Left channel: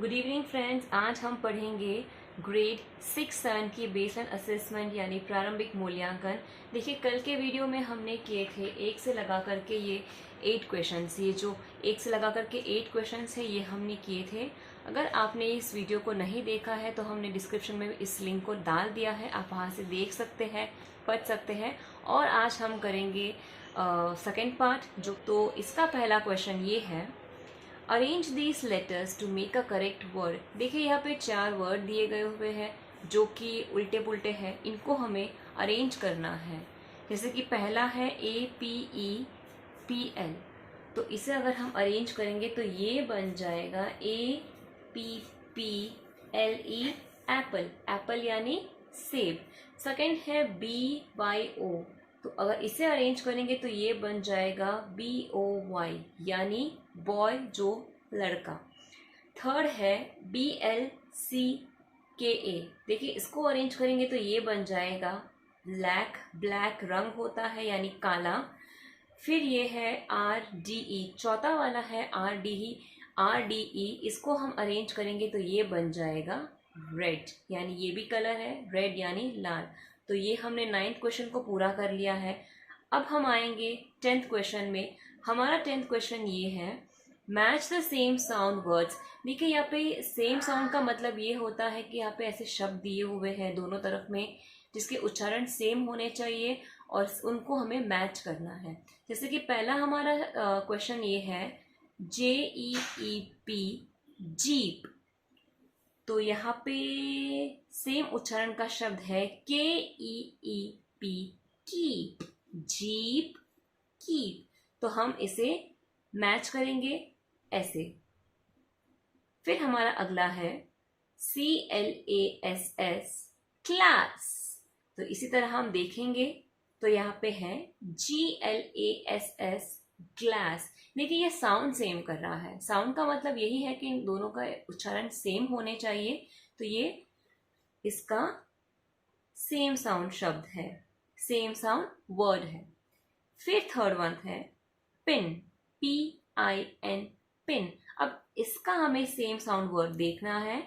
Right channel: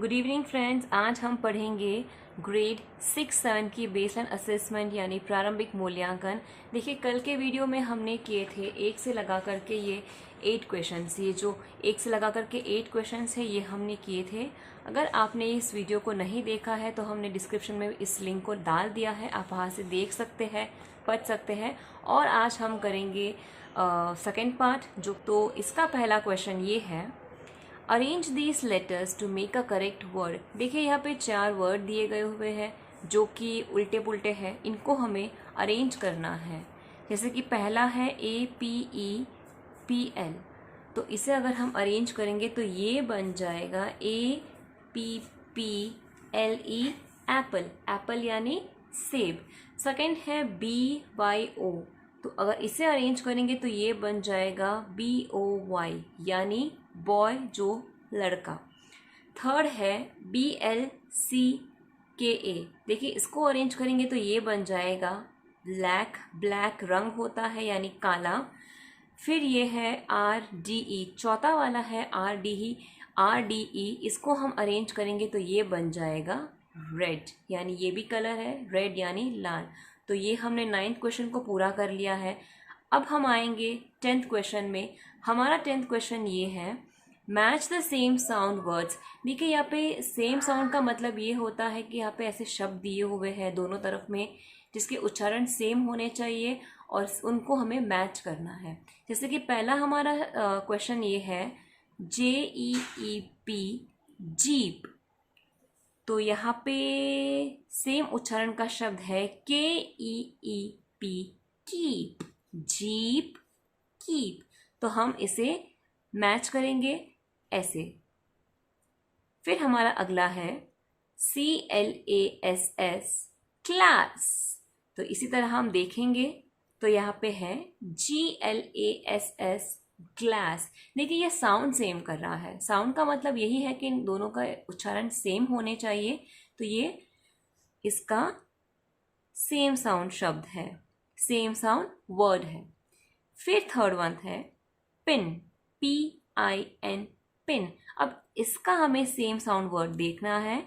Good evening friends. आज हम पढ़ेंगे ग्रेड 6-7 की बेसलाइन असेसमेंट यानी प्रारंभिक मूल्यांकन। देखिए, कल के वीडियो में हमने किए थे एक से लगा करके ये 8 क्वेश्चंस। ये जो एक से लगा करके 8 क्वेश्चंस है ये हमने किए थे। अगर आपने इस वीडियो को नहीं देखा है तो हमने डिस्क्रिप्शन में इस लिंक को डाल दिया है, आप वहाँ से देख सकते हैं, पढ़ सकते हैं। और आज हम करेंगे सेकेंड पार्ट। तो इसका पहला क्वेश्चन ये है, arrange these letters to make a correct word. देखिए, यहाँ पे 4 वर्ड दिए गए हुए हैं जो कि उल्टे पुल्टे हैं, इनको हमें अरेंज करना है। जैसे कि पहला है APEPL, तो इसे अगर हम अरेंज करेंगे तो ये बन जाएगा APPLE, एप्पल। एप्पल यानी सेब। सेकेंड है BYO, तो अगर इसे अरेंज करेंगे तो ये बन जाएगा BOY यानी बॉय, जो लड़का। थर्ड है BLCKA, देखिए इसको अरेंज करेंगे तो ये बन जाएगा ब्लैक। ब्लैक रंग होता है यानी काला। फिर ये है RDE, चौथा वाला है RDE, इसको हम अरेंज करेंगे तो ये बन जाएगा रेड, यानी ये भी कलर है, रेड यानी लाल। तो ये हमने 9th क्वेश्चन को पूरा कर लिया है। अब हम आएंगे 10th क्वेश्चन में। हमारा 10th क्वेश्चन ये है, match the same sound words. देखिए, यहाँ पे सेम साउंड का मतलब ये होता है कि यहाँ पे ऐसे शब्द दिए हुए हैं दोनों तरफ में जिसके उच्चारण सेम होने चाहिए और उनको हमें मैच करना है। जैसे कि पहला हमारा क्वेश्चन ये है JEEP, जीप। तो यहाँ पे सेम उच्चारण का शब्द है KEEP, कीप। Jeep, keep. तो हम इसे मैच करेंगे ऐसे। फिर हमारा अगला है CLASS, क्लास। तो इसी तरह हम देखेंगे तो यहाँ पे है GLASS, ग्लास। देखिए, ये साउंड सेम कर रहा है। साउंड का मतलब यही है कि इन दोनों का उच्चारण सेम होने चाहिए। तो ये इसका सेम साउंड शब्द है, सेम साउंड वर्ड है। फिर थर्ड वन है पिन, PIN, पिन। अब इसका हमें सेम साउंड वर्ड देखना है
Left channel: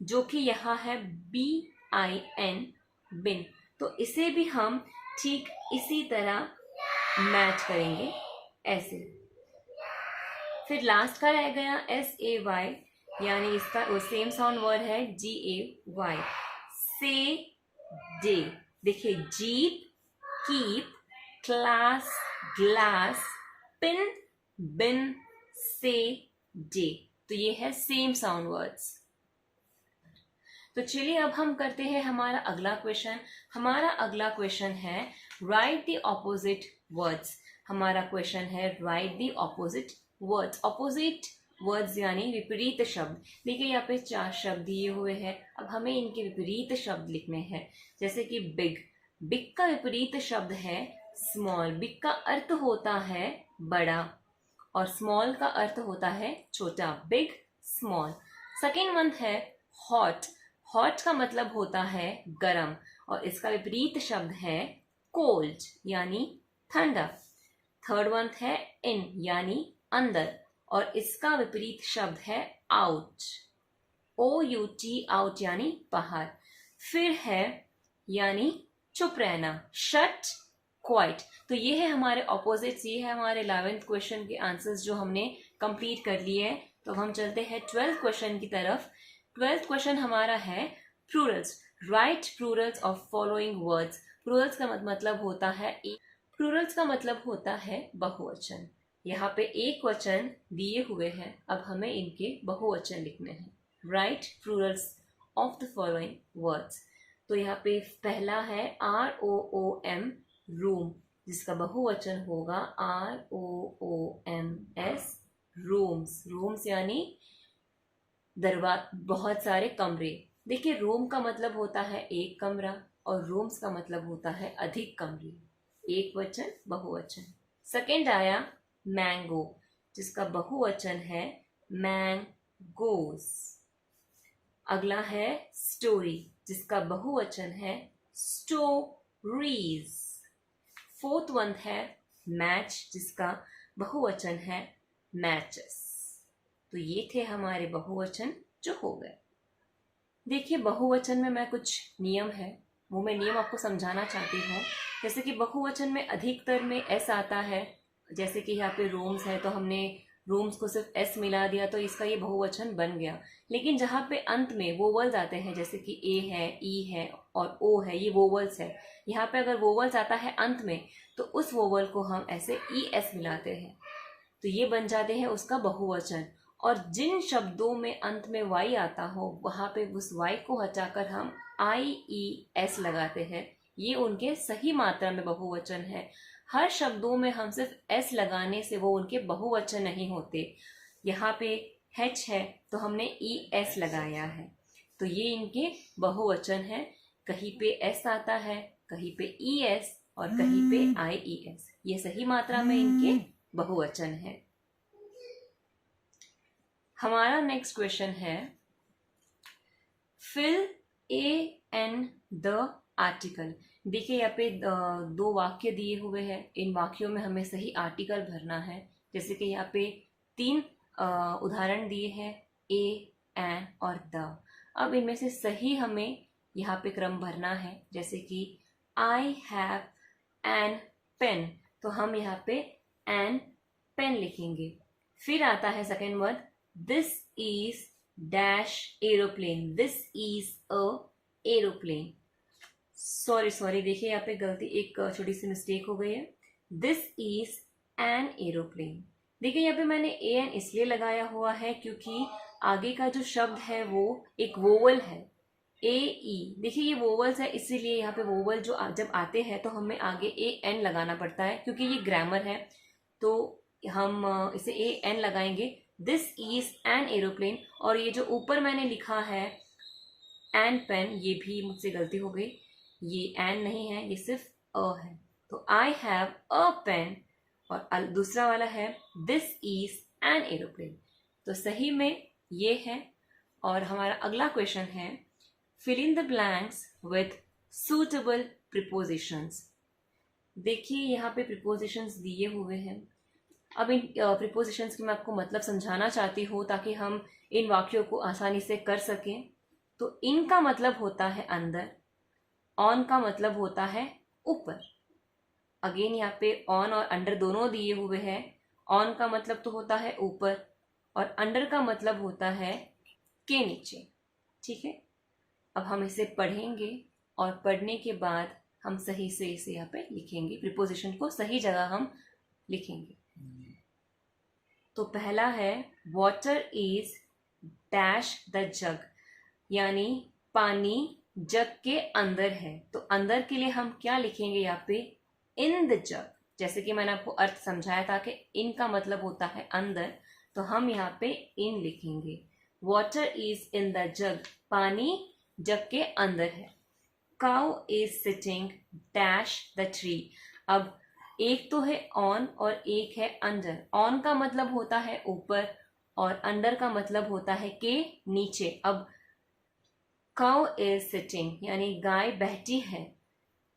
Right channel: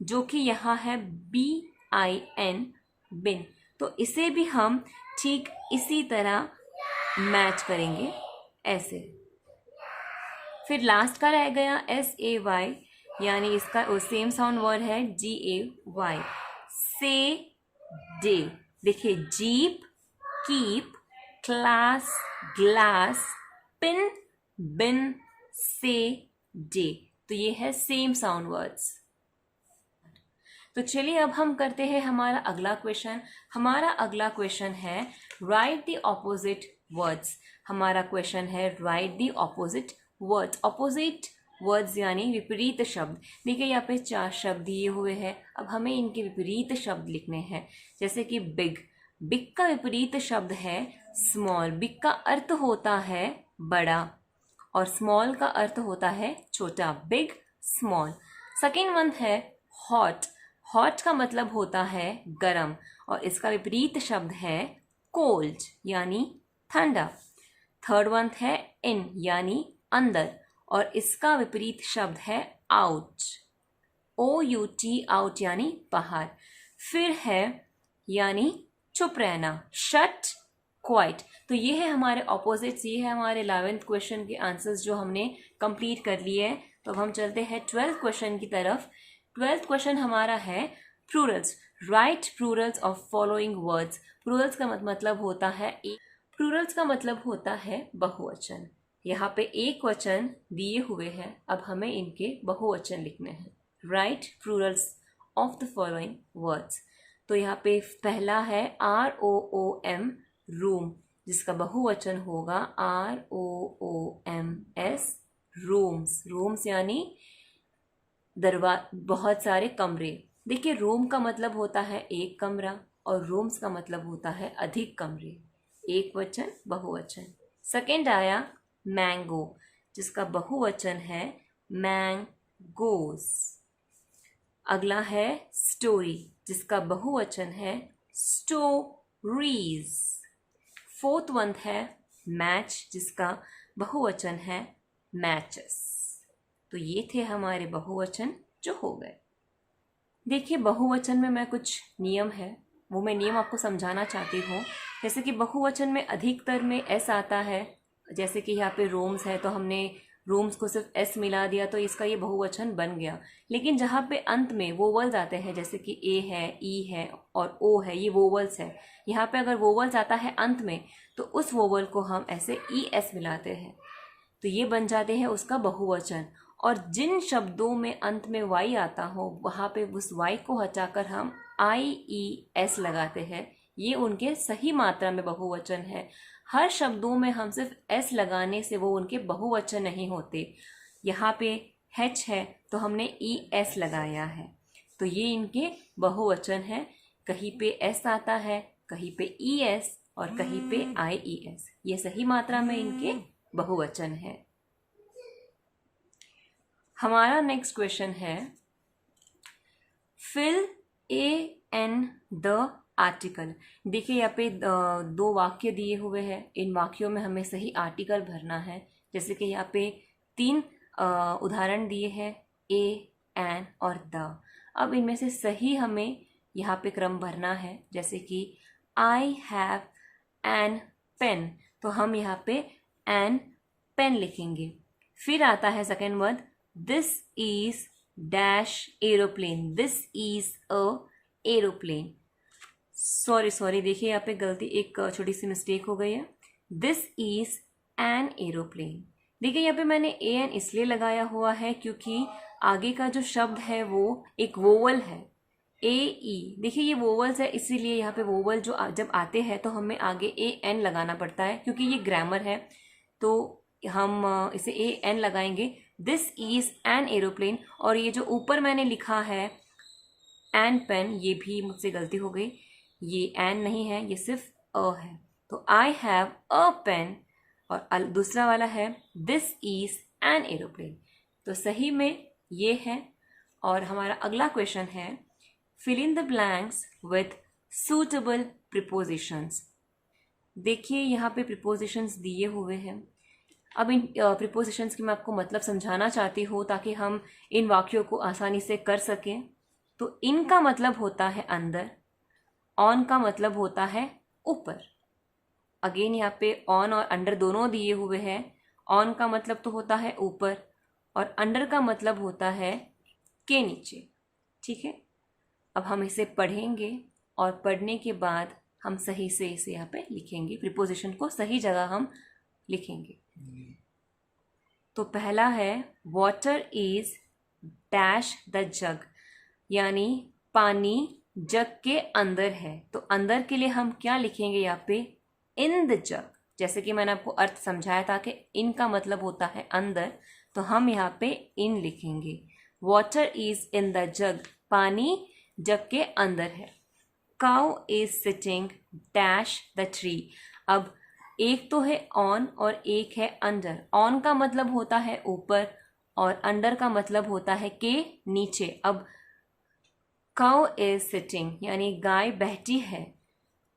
जो कि यहाँ है BIN, बिन। तो इसे भी हम ठीक इसी तरह मैच करेंगे ऐसे। फिर लास्ट का रह गया SAY, यानी इसका सेम साउंड वर्ड है GAY, से, डे। देखिए, jeep, keep, class, glass, pin, bin, say, day. तो ये है सेम साउंड वर्ड्स। तो चलिए अब हम करते हैं हमारा अगला क्वेश्चन। हमारा अगला क्वेश्चन है राइट द ऑपोजिट वर्ड्स। हमारा क्वेश्चन है right the opposite words. Opposite words यानी विपरीत शब्द। देखिए, यहाँ पे 4 शब्द दिए हुए हैं। अब हमें इनके विपरीत शब्द लिखने हैं। जैसे कि बिग, बिग का विपरीत शब्द है स्मॉल। बिग का अर्थ होता है बड़ा और स्मॉल का अर्थ होता है छोटा। Big, small. सेकेंड वन है हॉट। हॉट का मतलब होता है गरम और इसका विपरीत शब्द है कोल्ड यानी ठंडा। थर्ड वन है इन यानी अंदर और इसका विपरीत शब्द है आउट, OUT, आउट यानी बाहर। फिर है यानी चुप रहना, शट, क्वाइट। तो ये है हमारे ऑपोजिट्स। ये है हमारे 11th क्वेश्चन के आंसर्स जो हमने कंप्लीट कर लिए हैं। तो अब हम चलते हैं 12th क्वेश्चन की तरफ। 12th क्वेश्चन हमारा है Plurals. Right Plurals of following words. Plurals का मतलब होता है प्लूरल्स का मतलब होता है बहुवचन। यहाँ पे एक वचन दिए हुए हैं, अब हमें इनके बहुवचन लिखने हैं। Right Plurals of the following words. तो यहाँ पे पहला है ROOM, रूम, जिसका बहुवचन होगा ROOMS, रूम्स। रूम्स यानी बहुत सारे कमरे। देखिए, रूम का मतलब होता है एक कमरा और रूम्स का मतलब होता है अधिक कमरे। एक वचन, बहुवचन। सेकेंड आया मैंगो, जिसका बहुवचन है मैंगोस। अगला है स्टोरी, जिसका बहुवचन है स्टोरीज। फोर्थ वन है मैच, जिसका बहुवचन है मैचेस। तो ये थे हमारे बहुवचन। जो हो गए। देखिए बहुवचन में मैं कुछ नियम है वो मैं नियम आपको समझाना चाहती हूँ। जैसे कि बहुवचन में अधिकतर में एस आता है, जैसे कि यहाँ पे रूम्स है तो हमने रूम्स को सिर्फ एस मिला दिया तो इसका ये बहुवचन बन गया। लेकिन जहाँ पे अंत में वोवल्स आते हैं जैसे कि ए है, ई है और ओ है, ये वोवल्स है, यहाँ पे अगर वोवल्स आता है अंत में तो उस वोवल को हम ऐसे ई एस मिलाते हैं तो ये बन जाते हैं उसका बहुवचन। और जिन शब्दों में अंत में वाई आता हो वहाँ पे उस वाई को हटाकर हम आई ई एस लगाते हैं, ये उनके सही मात्रा में बहुवचन है। हर शब्दों में हम सिर्फ एस लगाने से वो उनके बहुवचन नहीं होते। यहाँ पे हेच है तो हमने ई एस लगाया है तो ये इनके बहुवचन है। कहीं पे एस आता है, कहीं पे ई एस और कहीं पे आई ई एस, ये सही मात्रा में इनके बहुवचन है। हमारा नेक्स्ट क्वेश्चन है fill a an the article. देखिए यहाँ पे दो वाक्य दिए हुए हैं, इन वाक्यों में हमें सही आर्टिकल भरना है। जैसे कि यहाँ पे 3 उदाहरण दिए हैं, ए, एन और द। अब इनमें से सही हमें यहाँ पे क्रम भरना है। जैसे कि आई हैव एन पेन, तो हम यहाँ पे एन पेन लिखेंगे। फिर आता है second word, this is dash aeroplane, this is a aeroplane. Sorry देखिए यहाँ पे गलती, एक छोटी सी मिस्टेक हो गई है। This is an aeroplane. देखिए यहाँ पे मैंने ए एन इसलिए लगाया हुआ है क्योंकि आगे का जो शब्द है वो एक वोवल है, ए ई। देखिए ये वोवल्स है इसीलिए यहाँ पे वोवल जो जब आते हैं तो हमें आगे ए एन लगाना पड़ता है क्योंकि ये ग्रामर है। तो हम इसे ए एन लगाएंगे, दिस इज एन एरोप्लेन। और ये जो ऊपर मैंने लिखा है एन पेन, ये भी मुझसे गलती हो गई, ये एन नहीं है, ये सिर्फ अ है। तो आई हैव अ पेन और दूसरा वाला है दिस इज एन एरोप्लेन। तो सही में ये है। और हमारा अगला क्वेश्चन है fill in the blanks with suitable prepositions. देखिए यहाँ पे प्रिपोजिशंस दिए हुए हैं। अब इन प्रिपोजिशंस की मैं आपको मतलब समझाना चाहती हूँ ताकि हम इन वाक्यों को आसानी से कर सकें। तो इनका मतलब होता है अंदर, ऑन का मतलब होता है ऊपर। अगेन यहाँ पे ऑन और अंडर दोनों दिए हुए हैं। ऑन का मतलब तो होता है ऊपर और अंडर का मतलब होता है के नीचे। ठीक है, अब हम इसे पढ़ेंगे और पढ़ने के बाद हम सही से इसे यहाँ पे लिखेंगे, प्रिपोजिशन को सही जगह हम लिखेंगे। तो पहला है वाटर इज डैश द जग, यानी पानी जग के अंदर है। तो अंदर के लिए हम क्या लिखेंगे यहाँ पे, इन द जग। जैसे कि मैंने आपको अर्थ समझाया था कि इन का मतलब होता है अंदर, तो हम यहाँ पे इन लिखेंगे। वाटर इज इन द जग, पानी जग के अंदर है। Cow is sitting dash the tree. अब एक तो है ऑन और एक है अंडर। ऑन का मतलब होता है ऊपर और अंडर का मतलब होता है के नीचे। अब काउ इज सिटिंग यानी गाय बैठी है।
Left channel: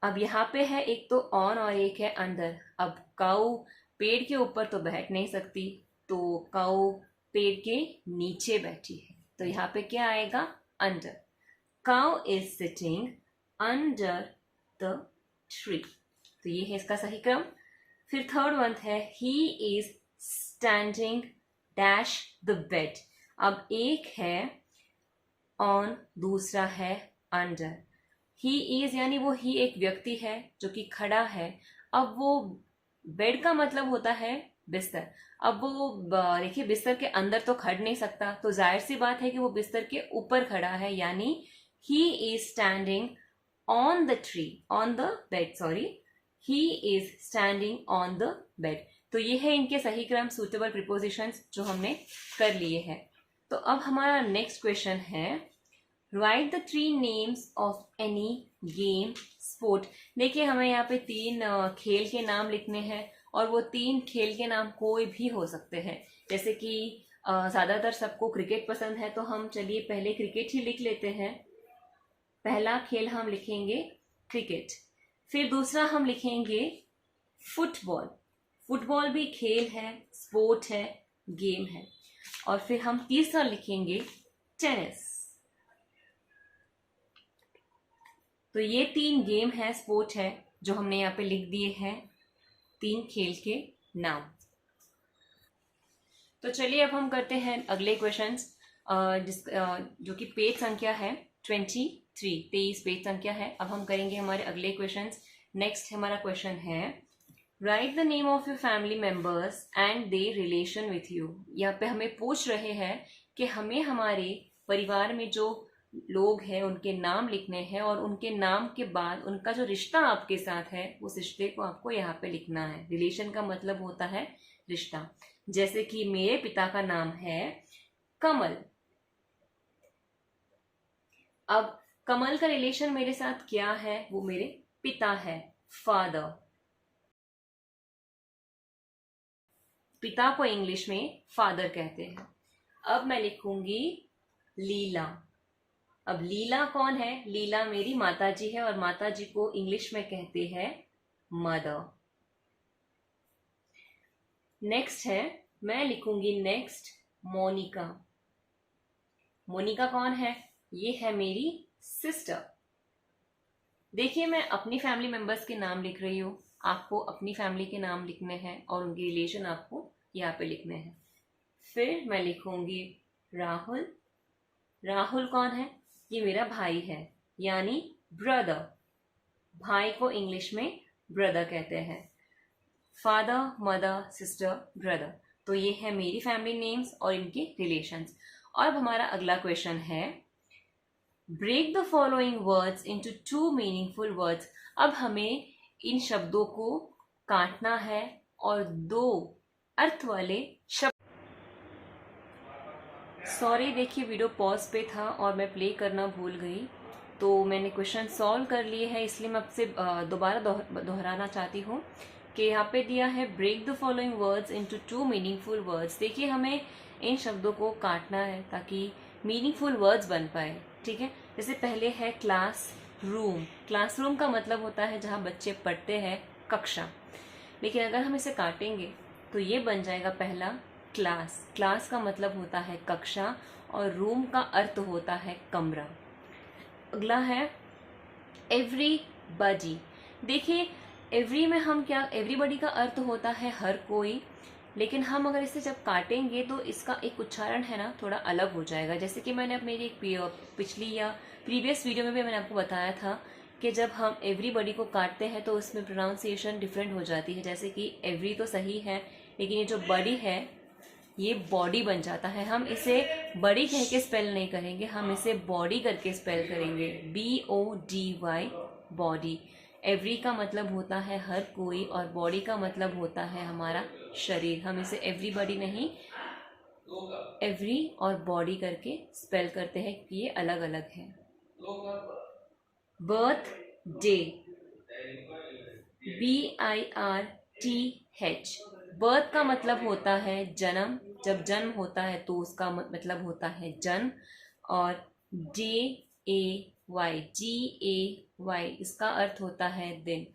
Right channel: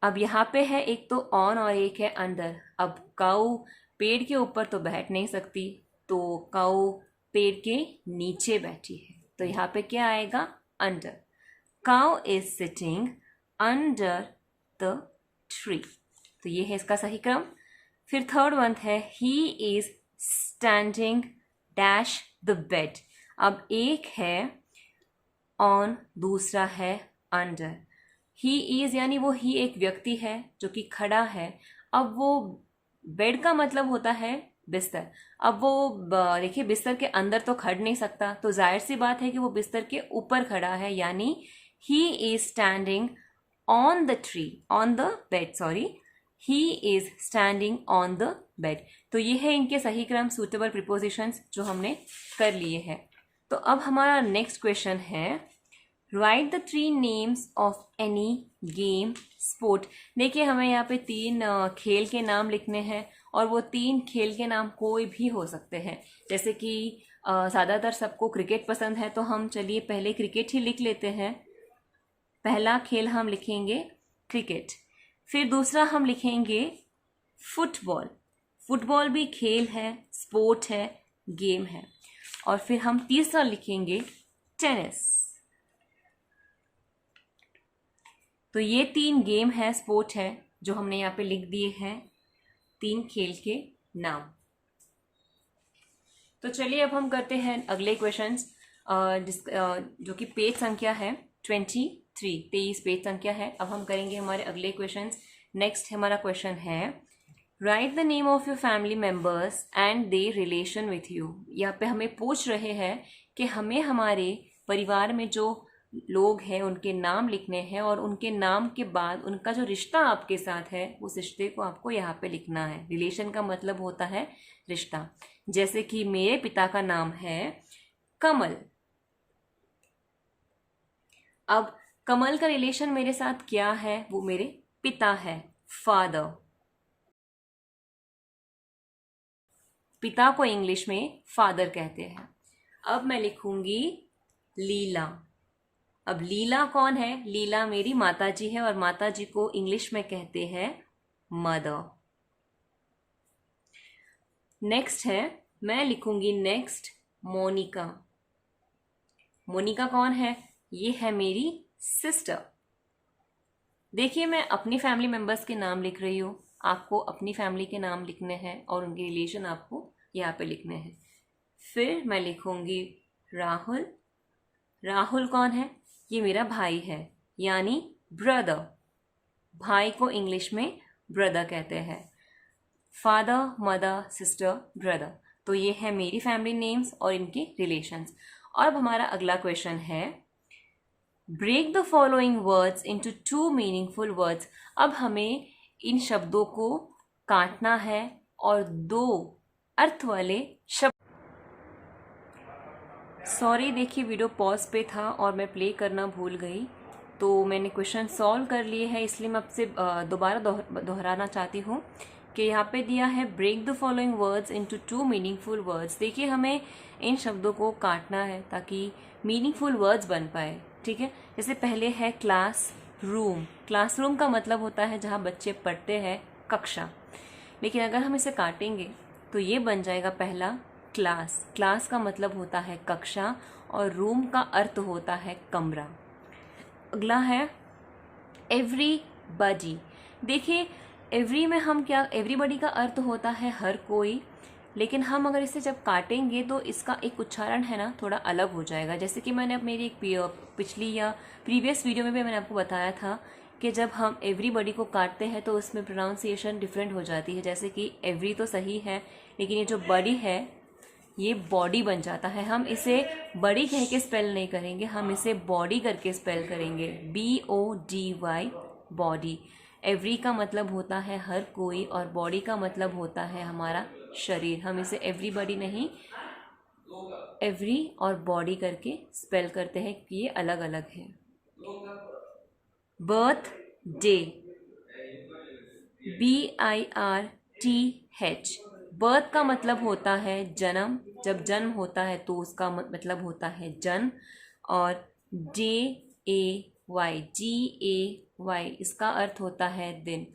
अब यहाँ पे है एक तो ऑन और एक है अंडर। अब काउ पेड़ के ऊपर तो बैठ नहीं सकती, तो काउ पेड़ के नीचे बैठी है, तो यहाँ पे क्या आएगा, under. Cow is sitting under the tree, तो ये है इसका सही क्रम। फिर थर्ड वन है he is standing dash the bed. अब एक है ऑन, दूसरा है अंडर। ही इज यानी वो ही एक व्यक्ति है जो कि खड़ा है। अब वो बेड का मतलब होता है बिस्तर। अब वो देखिए बिस्तर के अंदर तो खड़ नहीं सकता, तो जाहिर सी बात है कि वो बिस्तर के ऊपर खड़ा है, यानी he is standing on the tree, on the bed, sorry, he is standing on the bed. तो ये है इनके सही क्रम, सुटेबल प्रिपोजिशंस जो हमने कर लिए हैं। तो अब हमारा नेक्स्ट क्वेश्चन है right the 3 names of any game sport. देखिए हमें यहाँ पे 3 खेल के नाम लिखने हैं और वो 3 खेल के नाम कोई भी हो सकते हैं। जैसे कि ज़्यादातर सबको क्रिकेट पसंद है, तो हम चलिए पहले क्रिकेट ही लिख लेते हैं। पहला खेल हम लिखेंगे क्रिकेट। फिर दूसरा हम लिखेंगे फुटबॉल। फुटबॉल भी खेल है, स्पोर्ट है, गेम है। और फिर हम तीसरा लिखेंगे टेनिस। तो ये 3 गेम है, स्पोर्ट है, जो हमने यहाँ पे लिख दिए हैं, 3 खेल के नाम। तो चलिए अब हम करते हैं अगले क्वेश्चंस, जो कि पेज संख्या है 23 पेज संख्या है। अब हम करेंगे हमारे अगले क्वेश्चंस। नेक्स्ट हमारा क्वेश्चन है, right the name of your family members and they relation with you. यहाँ पे हमें पूछ रहे हैं कि हमें हमारे परिवार में जो लोग हैं उनके नाम लिखने हैं, और उनके नाम के बाद उनका जो रिश्ता आपके साथ है उस रिश्ते को आपको यहाँ पे लिखना है। रिलेशन का मतलब होता है रिश्ता। जैसे कि मेरे पिता का नाम है कमल। अब कमल का रिलेशन मेरे साथ क्या है, वो मेरे पिता है, फादर। पिता को इंग्लिश में फादर कहते हैं। अब मैं लिखूंगी लीला। अब लीला कौन है? लीला मेरी माताजी है, और माताजी को इंग्लिश में कहते हैं मदर। नेक्स्ट है, मैं लिखूंगी नेक्स्ट मोनिका। मोनिका कौन है? ये है मेरी सिस्टर। देखिए, मैं अपनी फैमिली मेंबर्स के नाम लिख रही हूँ, आपको अपनी फैमिली के नाम लिखने हैं और उनके रिलेशन आपको यहाँ पे लिखने हैं। फिर मैं लिखूंगी राहुल। राहुल कौन है? ये मेरा भाई है, यानी ब्रदर। भाई को इंग्लिश में ब्रदर कहते हैं। Father, mother, sister, brother. तो ये है मेरी फैमिली नेम्स और इनके रिलेशंस। और अब हमारा अगला क्वेश्चन है, break the following words into 2 meaningful words. अब हमें इन शब्दों को काटना है और 2 अर्थ वाले शब्द। सॉरी, देखिए वीडियो पॉज पे था और मैं प्ले करना भूल गई, तो मैंने क्वेश्चन सॉल्व कर लिए हैं, इसलिए मैं आपसे दोबारा दोहराना चाहती हूँ कि यहाँ पे दिया है break the following words into 2 meaningful words. देखिए, हमें इन शब्दों को काटना है ताकि मीनिंगफुल वर्ड्स बन पाए। ठीक है, जैसे पहले है क्लास रूम। क्लासरूम का मतलब होता है जहाँ बच्चे पढ़ते हैं, कक्षा। लेकिन अगर हम इसे काटेंगे तो ये बन जाएगा पहला क्लास। क्लास का मतलब होता है कक्षा, और रूम का अर्थ होता है कमरा। अगला है एवरीबॉडी। देखिए, एवरी में हम क्या, एवरीबॉडी का अर्थ होता है हर कोई, लेकिन हम अगर इसे जब काटेंगे तो इसका एक उच्चारण है ना थोड़ा अलग हो जाएगा। जैसे कि मैंने मेरी एक पिछली या प्रीवियस वीडियो में भी मैंने आपको बताया था कि जब हम एवरीबॉडी को काटते हैं तो उसमें प्रोनाउंसिएशन डिफरेंट हो जाती है। जैसे कि एवरी तो सही है, लेकिन ये जो बॉडी है ये बॉडी बन जाता है। हम इसे बड़ी कह के स्पेल नहीं करेंगे, हम इसे बॉडी करके स्पेल करेंगे, BODY, बॉडी। एवरी का मतलब होता है हर कोई, और बॉडी का मतलब होता है हमारा शरीर। हम इसे एवरीबॉडी नहीं, एवरी और बॉडी करके स्पेल करते हैं, ये अलग अलग है। Birth day, BIRTH। बर्थ का मतलब होता है जन्म। जब जन्म होता है तो उसका मतलब होता है जन्म। और GAY, इसका अर्थ होता है दिन।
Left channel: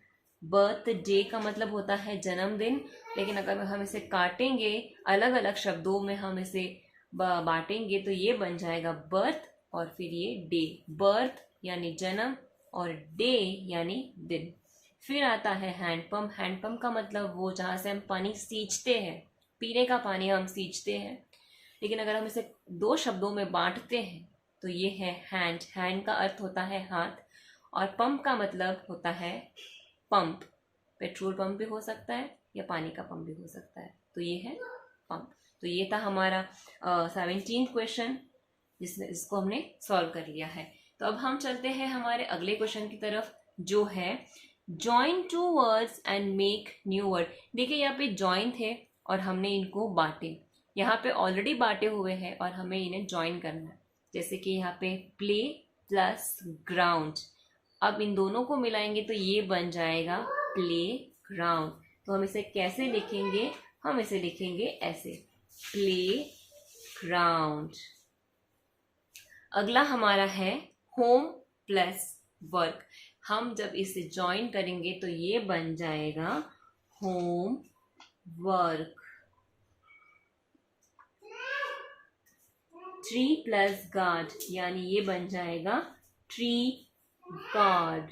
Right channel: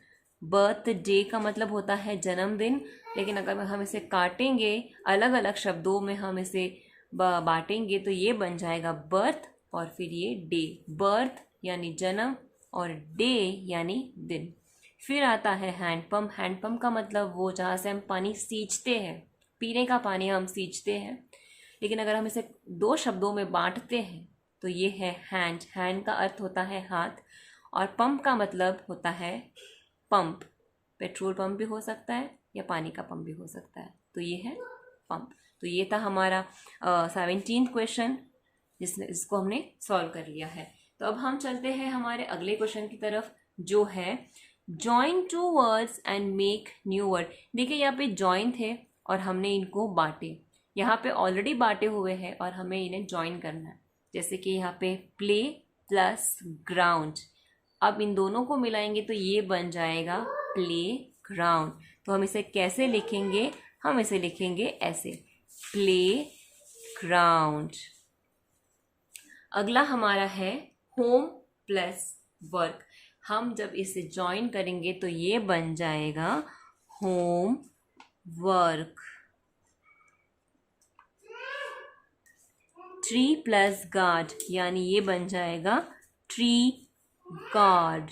बर्थ डे का मतलब होता है जन्मदिन, लेकिन अगर हम इसे काटेंगे, अलग अलग शब्दों में हम इसे बांटेंगे तो ये बन जाएगा बर्थ और फिर ये डे। बर्थ यानी जन्म और डे यानी दिन। फिर आता है हैंडपम्प। हैंडपम्प का मतलब वो जहाँ से हम पानी सींचते हैं, पीने का पानी हम सींचते हैं। लेकिन अगर हम इसे 2 शब्दों में बांटते हैं तो ये है हैंड। हैंड का अर्थ होता है हाथ, और पंप का मतलब होता है पंप। पेट्रोल पंप भी हो सकता है या पानी का पंप भी हो सकता है, तो ये है पंप। तो ये था हमारा 17th क्वेश्चन, जिसको हमने सॉल्व कर लिया है। तो अब हम चलते हैं हमारे अगले क्वेश्चन की तरफ, जो है join 2 words and make new word. देखिए, यहाँ पे जॉइन थे और हमने इनको बांटे। यहाँ पे ऑलरेडी बांटे हुए हैं और हमें इन्हें जॉइन करना है। जैसे कि यहाँ पे प्ले प्लस ग्राउंड। अब इन दोनों को मिलाएंगे तो ये बन जाएगा प्ले ग्राउंड। तो हम इसे कैसे लिखेंगे? हम इसे लिखेंगे ऐसे, प्ले ग्राउंड। अगला हमारा है होम प्लस वर्क। हम जब इसे ज्वाइन करेंगे तो ये बन जाएगा home work. Tree plus guard, यानी ये बन जाएगा ट्री गार्ड।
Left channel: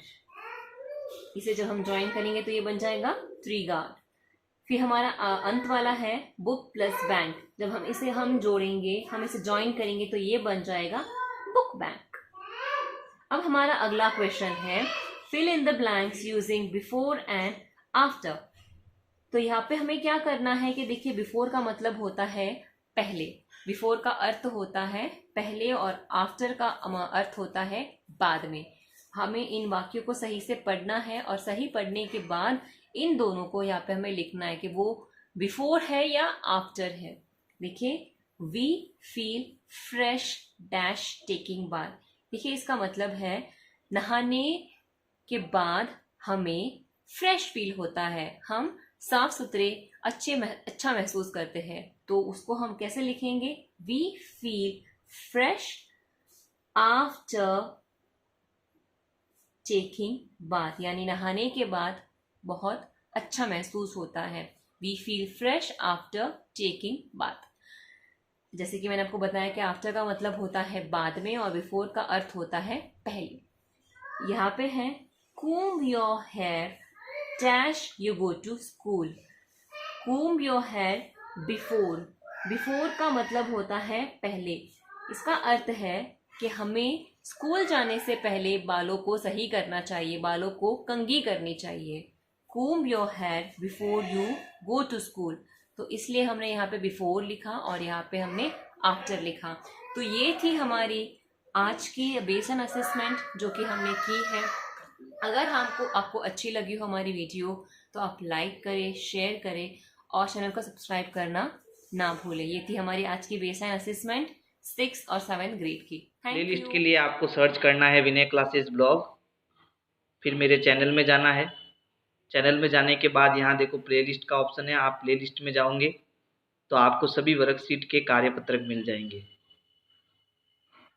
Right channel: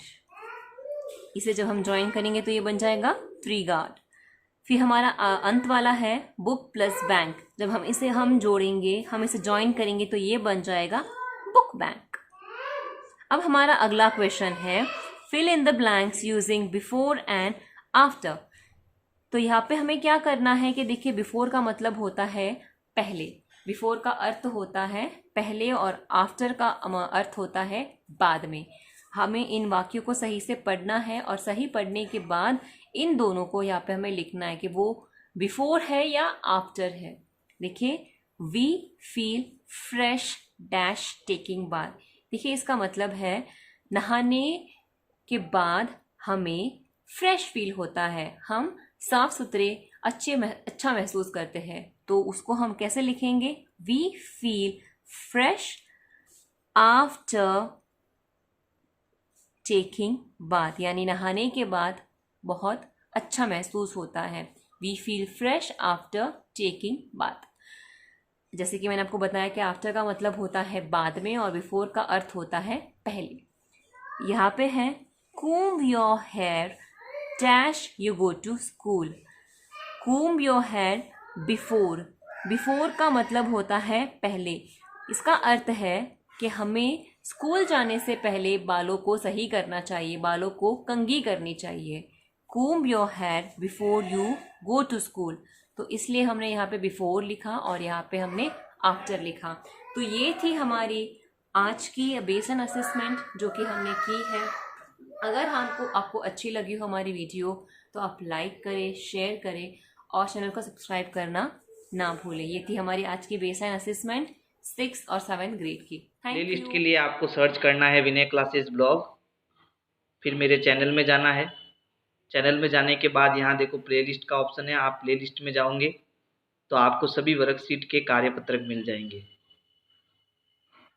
इसे जब हम ज्वाइन करेंगे तो ये बन जाएगा ट्री गार्ड। फिर हमारा अंत वाला है बुक प्लस बैंक। जब हम इसे जोड़ेंगे, हम इसे ज्वाइन करेंगे तो ये बन जाएगा बुक बैंक। अब हमारा अगला क्वेश्चन है fill in the blanks using before and after. तो यहाँ पे हमें क्या करना है कि देखिए, बिफोर का मतलब होता है पहले, बिफोर का अर्थ होता है पहले और आफ्टर का अर्थ होता है बाद में। हमें इन वाक्यों को सही से पढ़ना है और सही पढ़ने के बाद इन दोनों को यहाँ पे हमें लिखना है कि वो बिफोर है या आफ्टर है। देखिए, we feel fresh dash taking bath. देखिए, इसका मतलब है नहाने के बाद हमें फ्रेश फील होता है, हम साफ सुथरे अच्छा महसूस करते हैं। तो उसको हम कैसे लिखेंगे? We feel fresh after taking bath, यानी नहाने के बाद बहुत अच्छा महसूस होता है। We feel fresh after taking bath. जैसे कि मैंने आपको बताया कि आफ्टर का मतलब होता है बाद में और बिफोर का अर्थ होता है पहले। यहाँ पे है comb your hair dash you go to school। comb your hair before, before का मतलब होता है पहले। इसका अर्थ है कि हमें स्कूल जाने से पहले बालों को सही करना चाहिए, बालों को कंघी करनी चाहिए। comb your hair before you go to school। तो इसलिए हमने यहाँ पे बिफोर लिखा और यहाँ पे हमने आफ्टर लिखा। तो ये थी हमारी आज की बेसन असेसमेंट जो कि हमने की है। अगर आपको अच्छी लगी हो हमारी वीडियो तो आप लाइक करें, शेयर करें और चैनल को सब्सक्राइब करना ना भूलें। ये थी हमारी आज की बेसन असेसमेंट 6 और 7 ग्रेड की। प्लेलिस्ट के लिए आपको सर्च करना है विनय क्लासेस ब्लॉग, फिर मेरे चैनल में जाना है। चैनल में जाने के बाद यहाँ देखो प्लेलिस्ट का ऑप्शन है, आप प्लेलिस्ट में जाओगे तो आपको सभी वर्कशीट के कार्यपत्रक मिल जाएंगे।